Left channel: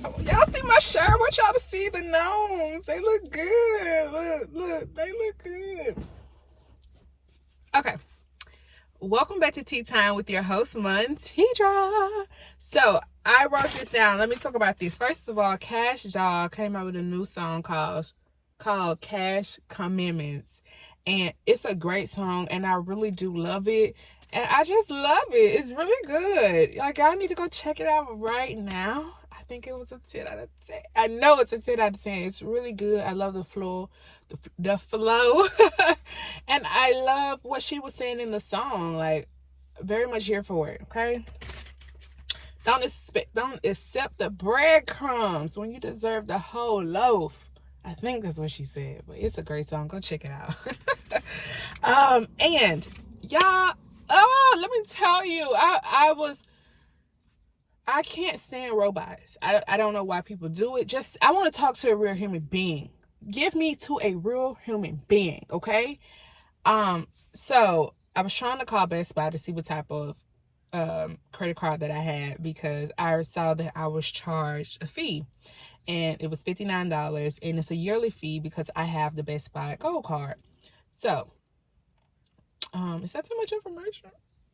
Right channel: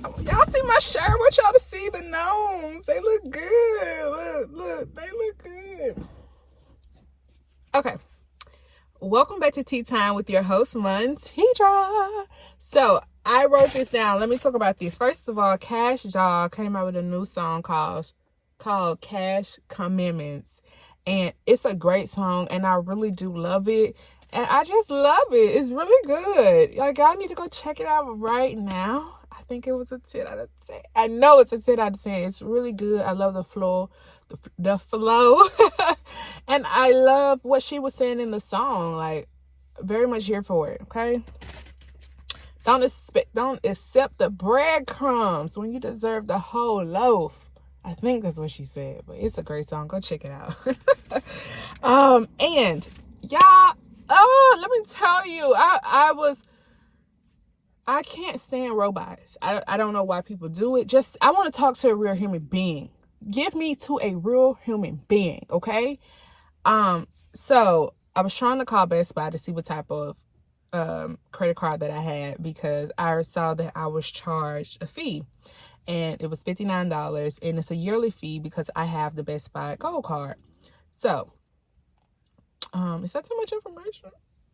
Y'all see my shirt? I want y'all to see the gnomes. They look good. Look, they look good. Okay. Welcome back to Tea Time with your host, Montedra. So, I wrote this down. Let me talk about this. First of all, Cash Doll came out with a new song called Cash Commandments. And it's a great song, and I really do love it. And I just love it. It's really good. Like, y'all need to go check it out right now. I think it was a 10 out of 10. I know it's a 10 out of 10. It's really good. I love the flow. The flow. And I love what she was saying in the song. Like, very much here for it, okay? Don't accept the breadcrumbs when you deserve the whole loaf. I think that's what she said, but it's a great song. Go check it out. And y'all, let me tell you, I can't stand robots. I don't know why people do it. I want to talk to a real human being. Give me to a real human being, okay? So I was trying to call Best Buy to see what type of credit card that I had, because I saw that I was charged a fee, and it was $59, and it's a yearly fee because I have the Best Buy Gold card. So, is that too much information?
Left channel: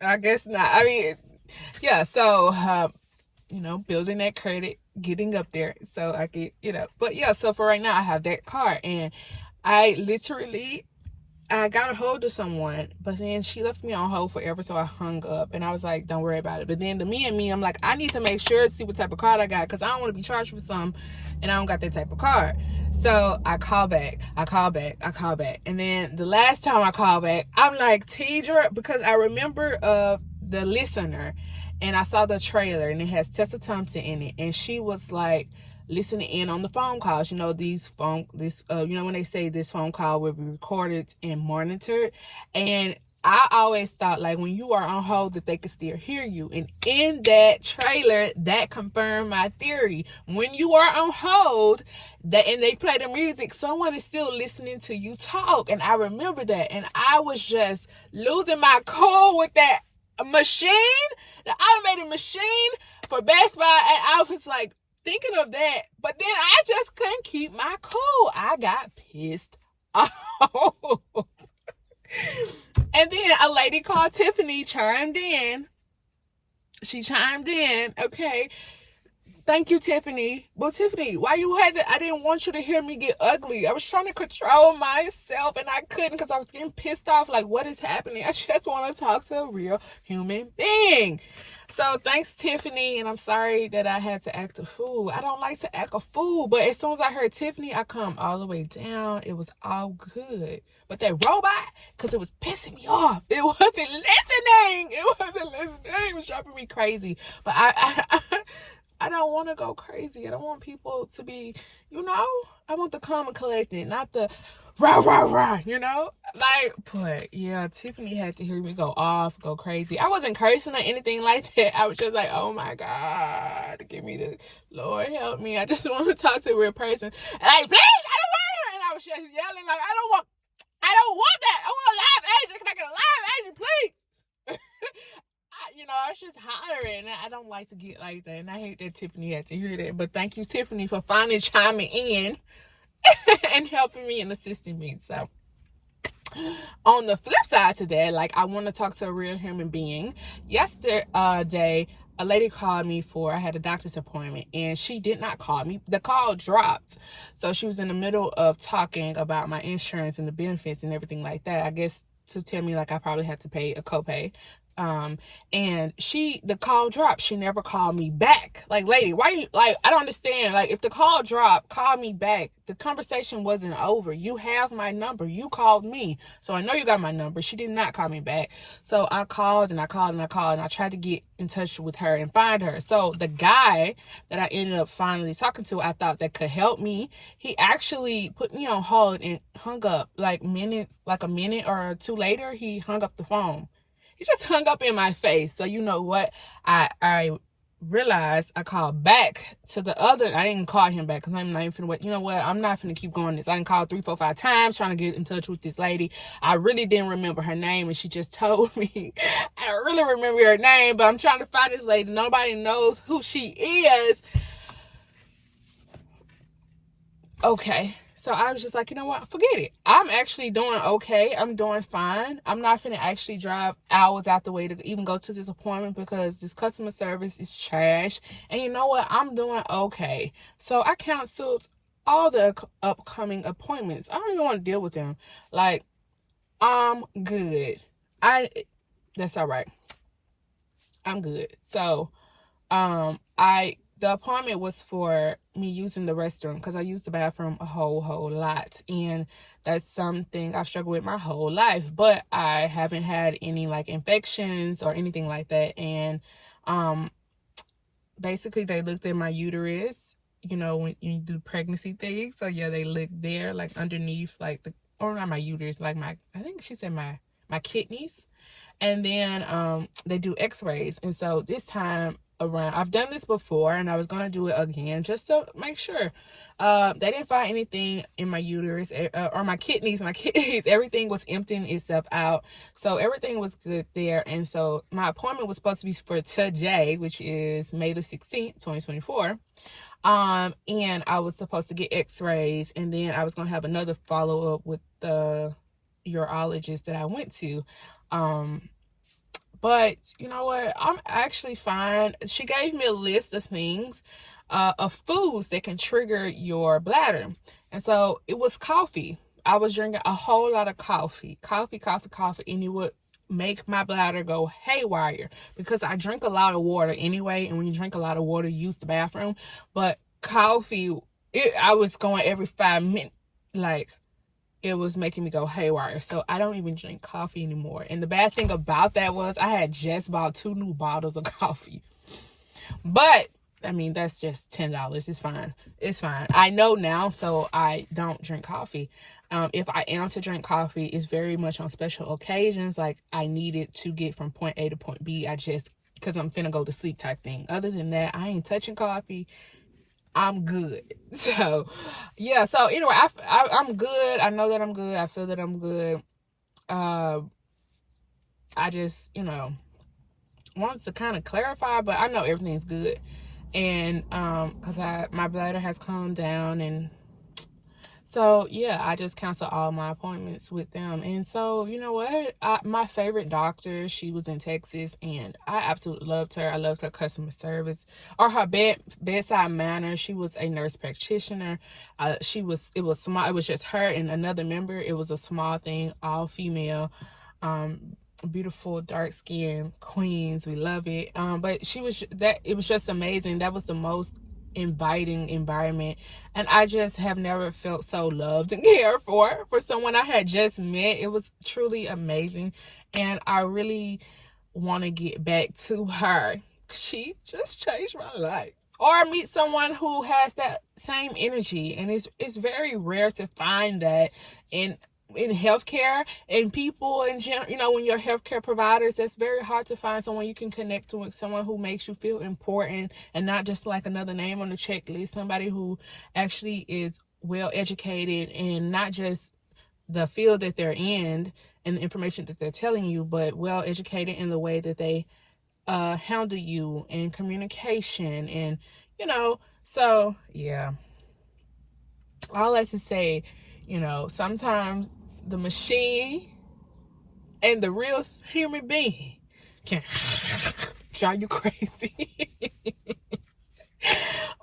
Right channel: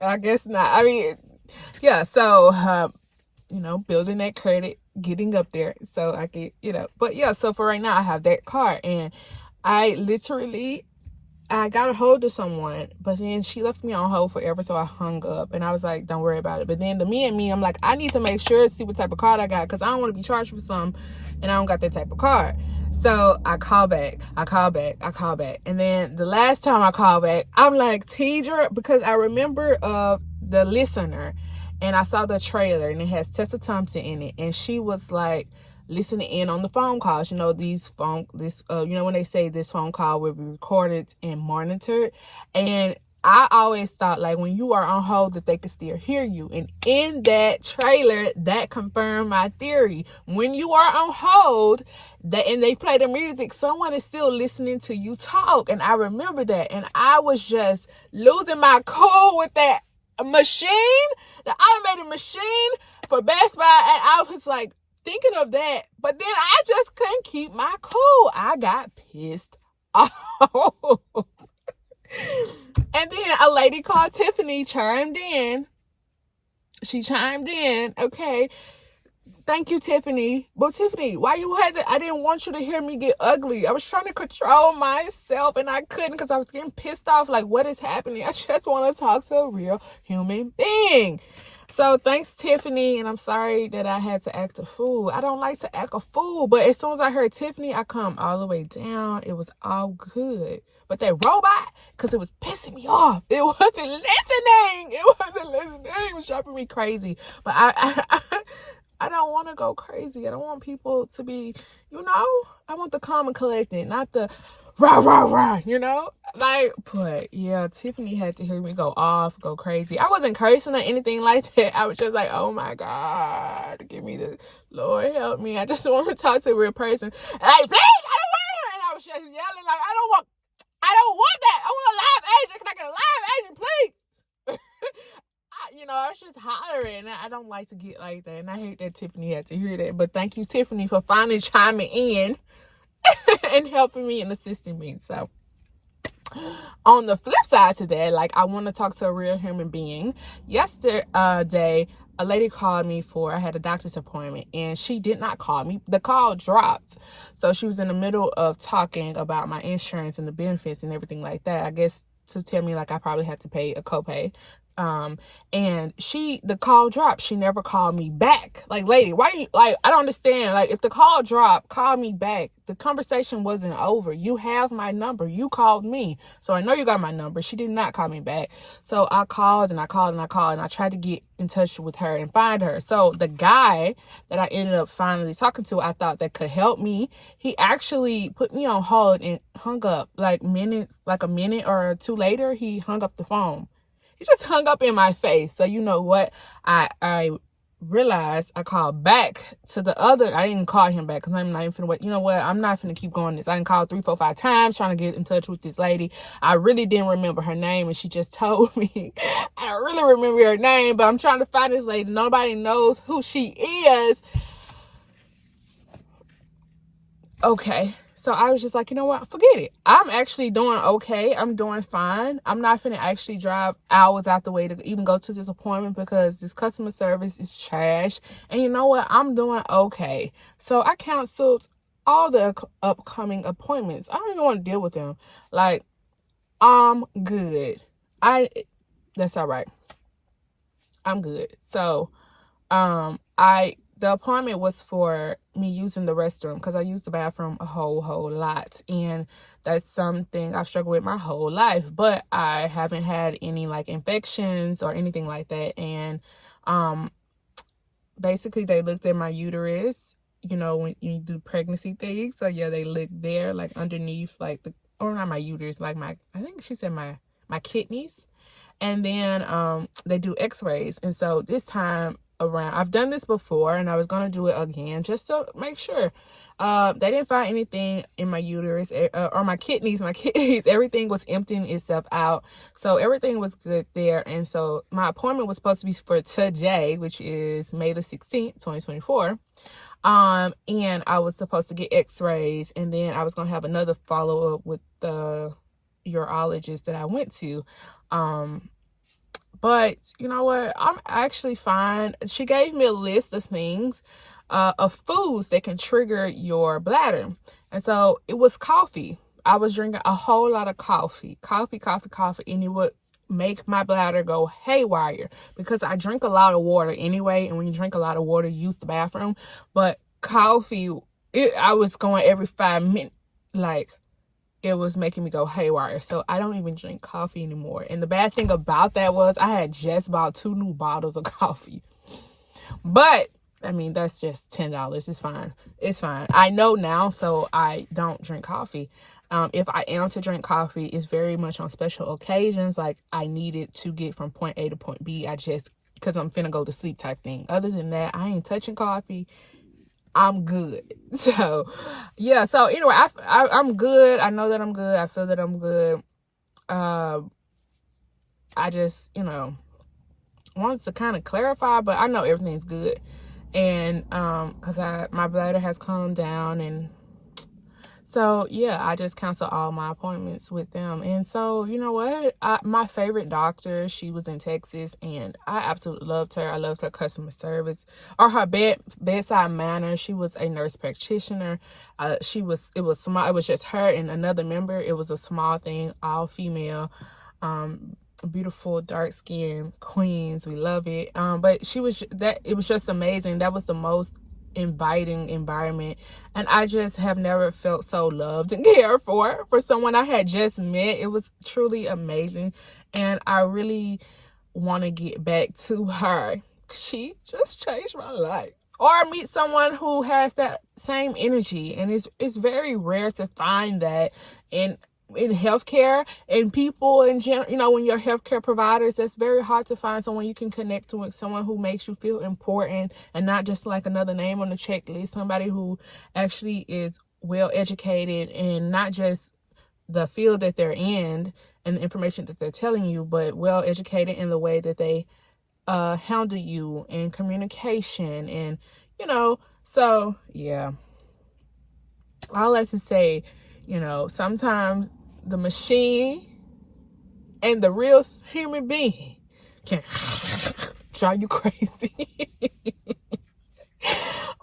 I guess not. I mean, yeah. So, building that credit, getting up there, so I could, But yeah, so for right now, I have that card, and I got a hold of someone, but then she left me on hold forever, so I hung up, and I was like, don't worry about it. But then I'm like, I need to make sure, see what type of card I got, because I don't want to be charged for something, and I don't got that type of card. So I call back. And then the last time I called back, I'm like, Tidra, because I remember the listener, and I saw the trailer, and it has Tessa Thompson in it, and she was like, listening in on the phone calls. When they say this phone call will be recorded and monitored. And I always thought, like, when you are on hold, that they could still hear you. And in that trailer, that confirmed my theory. When you are on hold, and they play the music, someone is still listening to you talk. And I remember that. And I was just losing my cool with that machine, the automated machine for Best Buy. And I was like, thinking of that, but then I just couldn't keep my cool. I got pissed off. And then a lady called Tiffany chimed in. She chimed in, okay. Thank you, Tiffany. But Tiffany, why you had to? I didn't want you to hear me get ugly. I was trying to control myself, and I couldn't, because I was getting pissed off. Like, what is happening? I just want to talk to a real human being. So thanks, Tiffany, and I'm sorry that I had to act a fool. I don't like to act a fool, but as soon as I heard Tiffany, I calmed all the way down. It was all good. But that robot, because it was pissing me off. It wasn't listening. It was driving me crazy. But I don't want to go crazy. I don't want people to be, I want the calm and collected, not the rah, rah, rah, But yeah, Tiffany had to hear me go off, go crazy. I wasn't cursing or anything like that. I was just like, oh my God, give me the Lord, help me. I just want to talk to a real person. Like, please, I don't want her. And I was just yelling, like, I don't want that. I want a live agent. Can I get a live agent, please? I was just hollering, and I don't like to get like that, and I hate that Tiffany had to hear that. But thank you, Tiffany, for finally chiming in and helping me and assisting me. So on the flip side to that, like, I want to talk to a real human being. Yesterday, a lady called me I had a doctor's appointment, and she did not call me. The call dropped. So she was in the middle of talking about my insurance and the benefits and everything like that. I guess to tell me, like, I probably had to pay a copay. And the call dropped. She never called me back. Like, lady, why you, like, I don't understand. Like, if the call dropped, call me back. The conversation wasn't over. You have my number. You called me. So I know you got my number. She did not call me back. So I called and I called and I called, and I tried to get in touch with her and find her. So the guy that I ended up finally talking to, I thought that could help me, he actually put me on hold and hung up. Like a minute or two later, he hung up the phone. He just hung up in my face. So you know what? I realized I called back to the other. I didn't call him back because I'm not even finna wait. You know what? I'm not finna keep going this. I didn't call 3, 4, 5 times trying to get in touch with this lady. I really didn't remember her name, and she just told me. I don't really remember her name, but I'm trying to find this lady. Nobody knows who she is. okay. So I was just like, you know what? Forget it. I'm actually doing okay. I'm doing fine. I'm not finna actually drive hours out the way to even go to this appointment because this customer service is trash. And you know what? I'm doing okay. So I canceled all the upcoming appointments. I don't even want to deal with them. Like, I'm good. That's all right. I'm good. So, the appointment was for me using the restroom because I used the bathroom a whole lot, and that's something I've struggled with my whole life, but I haven't had any like infections or anything like that. And basically they looked at my uterus, you know, when you do pregnancy things. So yeah, they looked there, like underneath, like or not my uterus, like I think she said my kidneys. And then they do x-rays. And so this time around, I've done this before and I was going to do it again just to make sure. They didn't find anything in my uterus or my kidneys. Everything was emptying itself out. So everything was good there. And so my appointment was supposed to be for today, which is May the 16th, 2024. And I was supposed to get x-rays, and then I was going to have another follow-up with the urologist that I went to. But you know what? I'm actually fine. She gave me a list of things, of foods that can trigger your bladder. And so it was coffee. I was drinking a whole lot of coffee, and it would make my bladder go haywire because I drink a lot of water anyway. And when you drink a lot of water, you use the bathroom. But coffee, I was going every 5 minutes, like, it was making me go haywire. So I don't even drink coffee anymore. And the bad thing about that was I had just bought 2 new bottles of coffee. But I mean, that's just $10. It's fine. It's fine. I know now, so I don't drink coffee. If I am to drink coffee, it's very much on special occasions. Like I need it to get from point A to point B. Because I'm finna go to sleep type thing. Other than that, I ain't touching coffee. I'm good. So yeah, so anyway, I'm good. I know that I'm good. I feel that I'm good. I just, wanted to kind of clarify, but I know everything's good. And because my bladder has calmed down, and so yeah, I just canceled all my appointments with them. And so you know what, my favorite doctor, she was in Texas, and I absolutely loved her. I loved her customer service, or her bedside manner. She was a nurse practitioner. It was small. It was just her and another member. It was a small thing, all female, beautiful dark skin queens. We love it. But it was just amazing. That was the most inviting environment, and I just have never felt so loved and cared for someone I had just met. It was truly amazing, and I really want to get back to her. She just changed my life. Or meet someone who has that same energy, and it's very rare to find that in healthcare and people in general. When you're healthcare providers, it's very hard to find someone you can connect to, with someone who makes you feel important and not just like another name on the checklist. Somebody who actually is well educated, and not just the field that they're in and the information that they're telling you, but well educated in the way that they handle you in communication. And so yeah, all that to say, sometimes the machine and the real human being can drive you crazy.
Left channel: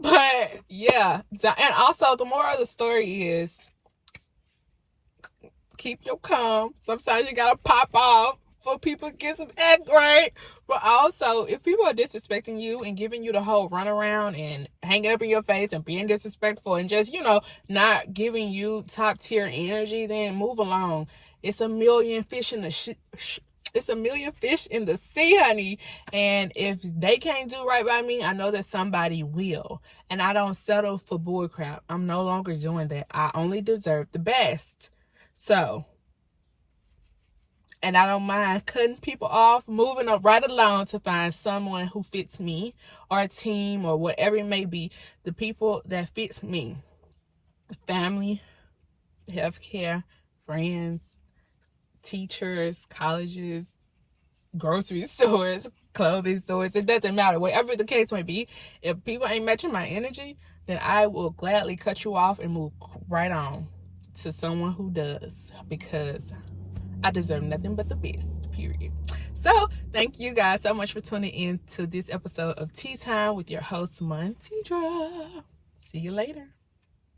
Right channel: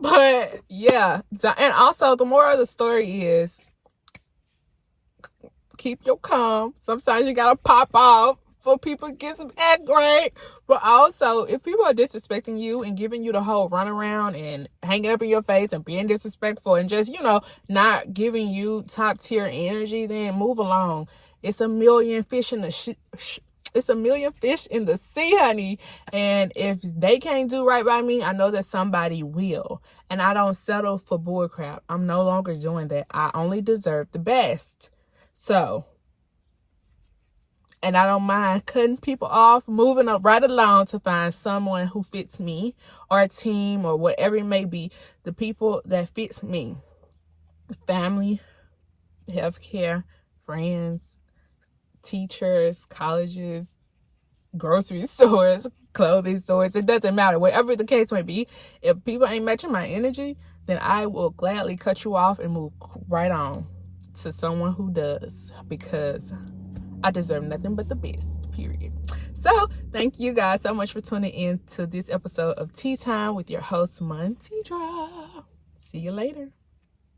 But yeah, and also the moral of the story is keep your calm. Sometimes you gotta pop off for people to get some act right. But also, if people are disrespecting you and giving you the whole runaround and hanging up in your face and being disrespectful and just, not giving you top tier energy, then move along. It's a million fish in the it's a million fish in the sea, honey. And if they can't do right by me, I know that somebody will. And I don't settle for bullcrap. I'm no longer doing that. I only deserve the best. So, and I don't mind cutting people off, moving up right along to find someone who fits me, or a team, or whatever it may be. The people that fits me. Family, healthcare, friends, teachers, colleges, grocery stores, clothing stores. It doesn't matter. Whatever the case may be, if people ain't matching my energy, then I will gladly cut you off and move right on to someone who does, because I deserve nothing but the best, period. So thank you guys so much for tuning in to this episode of Tea Time with your host, Montedra. See you later.